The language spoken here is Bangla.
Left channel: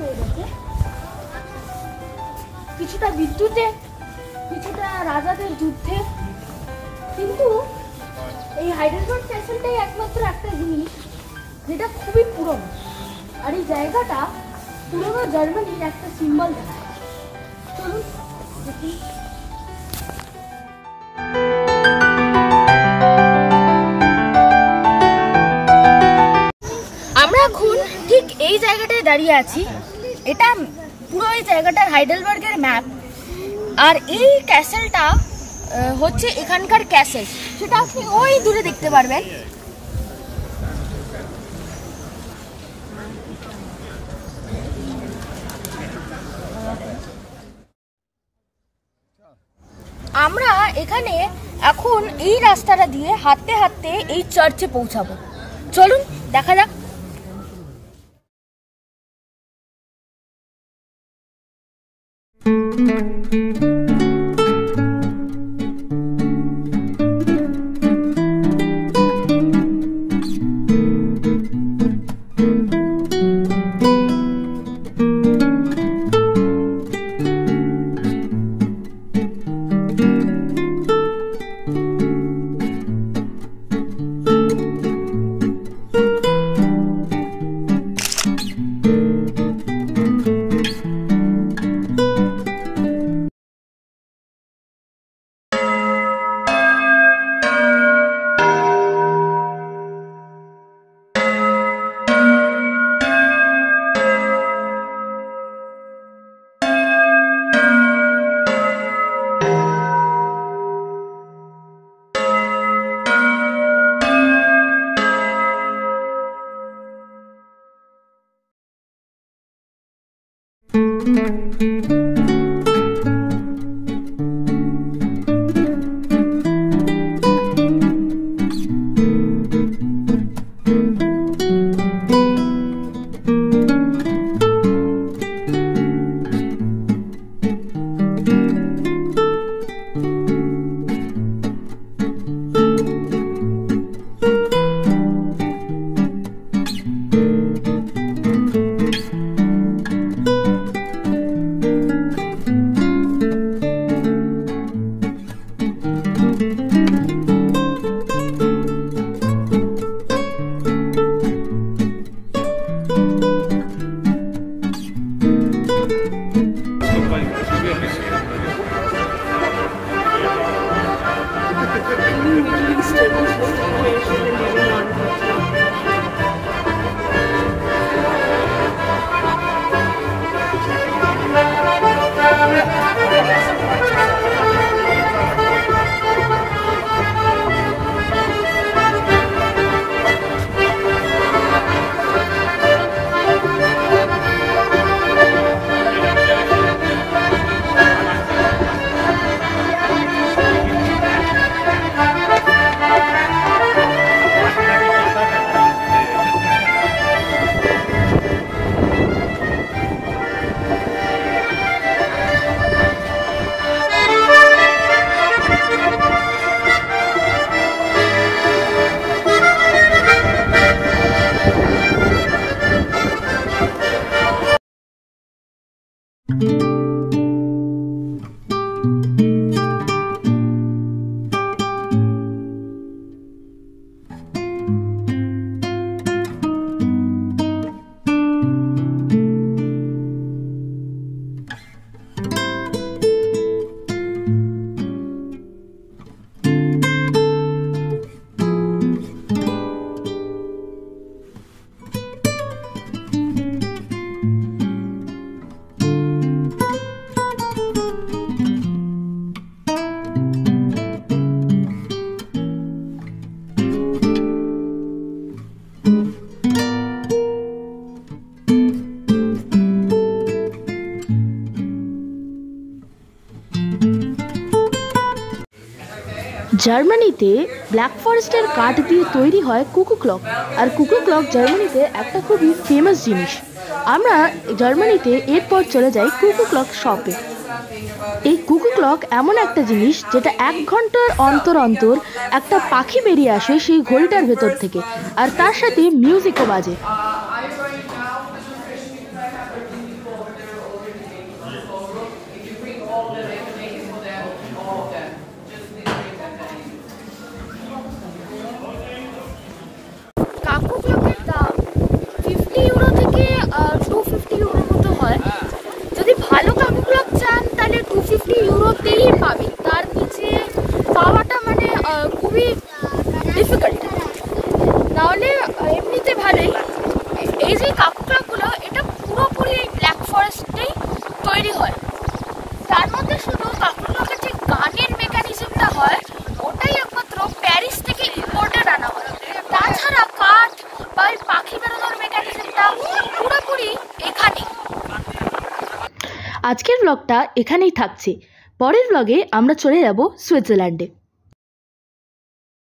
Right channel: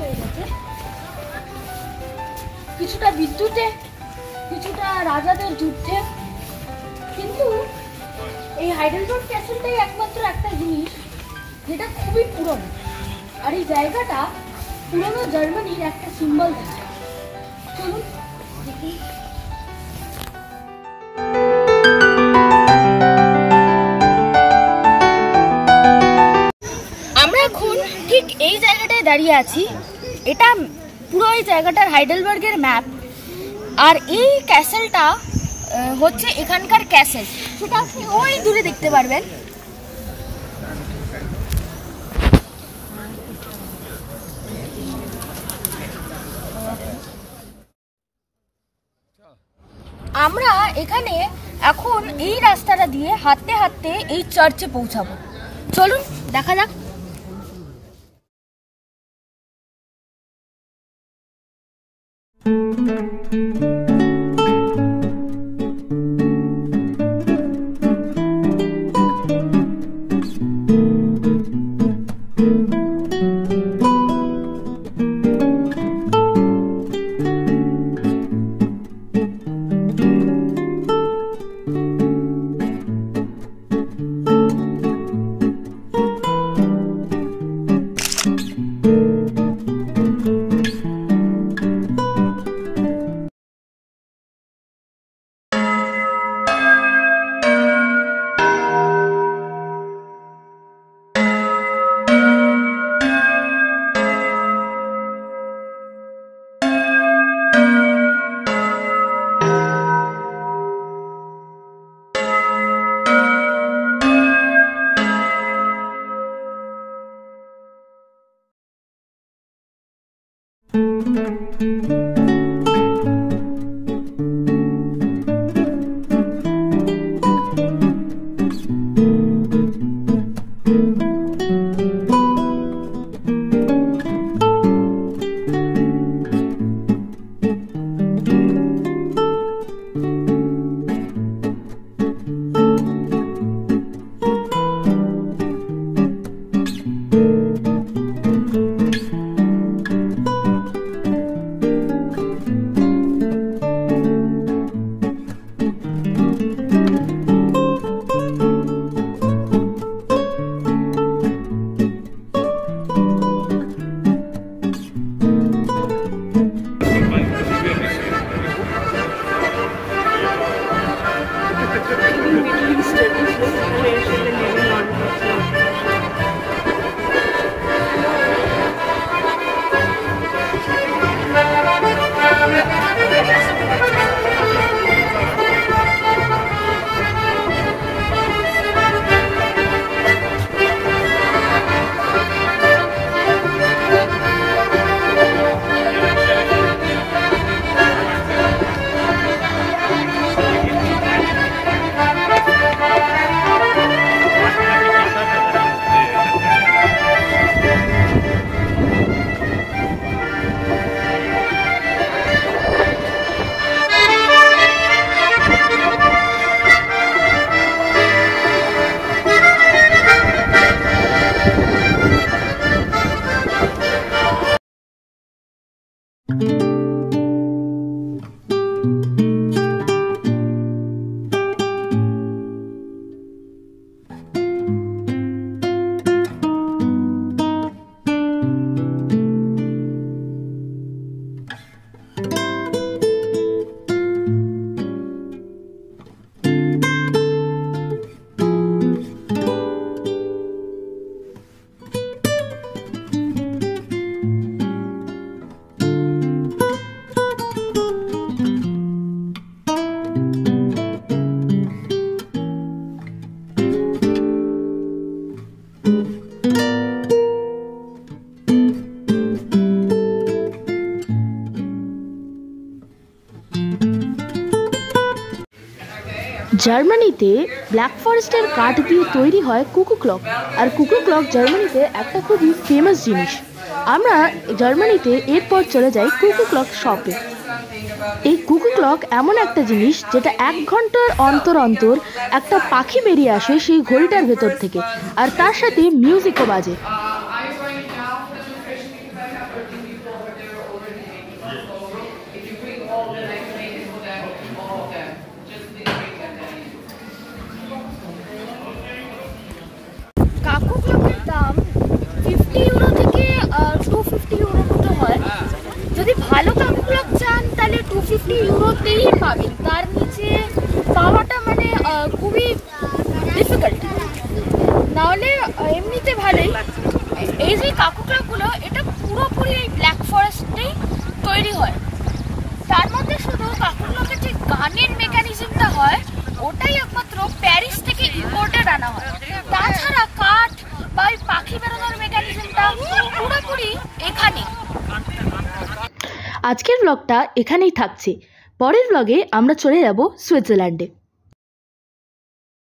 হয়ে গেছে, কিছুটা বিদ্যুতে, কিছুটা রাজাদের যুদ্ধে। কিন্তু এই হাইডেলবার্গ ক্যাসেলটাই একমাত্র একটা জিনিস যেটা খুবই পুরনো, আর এই জায়গাটা পুরনো জার্মানির একটা সিম্বল। চলুন দেখি। আমরা এখন ঠিক এই জায়গাটায় দাঁড়িয়ে আছি। এটা পুরো এই জায়গাটার হাইডেলবার্গের ম্যাপ। আর এই ক্যাসেলটা হচ্ছে এখানকার ক্যাসেল, সেটা আপনি ওই দূরে দেখতে পারবেন। আমরা এখানে এখন এই রাস্তাটা দিয়ে হাঁটতে হাঁটতে এই চার্চে পৌঁছাবো। চলুন দেখা যাক। জার্মানিতে ব্ল্যাক ফরেস্টের কাঠ দিয়ে তৈরি হয় কুকু ক্লক, আর কুকু ক্লক জার্মানিতে একটা খুবই ফেমাস জিনিস। আমরা জার্মানিতে এরপর চলে যাই কুকু ক্লক শপে। এই কুকু ক্লক এমন একটা জিনিস যেটা 1 ঘন্টার অন্তর অন্তর একটা পাখি বেরিয়ে আসে সেই ঘড়িটার ভেতর থেকে, আর তার সাথে মিউজিকও বাজে। কাকু ক্লকের দাম 50 ইউরো থেকে 250 ইউরো মতো হয়। যদি ভালো কাকু ক্লক চান তাহলে 250 ইউরোতেই পাবেন, তার নিচে পাওয়াটা মানে খুবই ডিফিকাল্ট। নাহলে এমনিতে ভালোই। এই যে কাকু ক্লকগুলো এটা পুরোপুরি এই ব্ল্যাক ফরেস্টেই তৈরি হয়। তার মধ্যে শুধু কাকু ক্লকের যে গানের মেকানিজমটা হয় ওটাই একমাত্র প্যারিস থেকে ইম্পোর্টেড আনা হয়। তাছাড়া কাঠ বা পাখি বেরোনোর মেকানিজমটা পুরোপুরি এখানে। আজকের ব্লগটা এখানেই থাকছে। পরের ব্লগে আমরা চলে যাব সুইজারল্যান্ডে।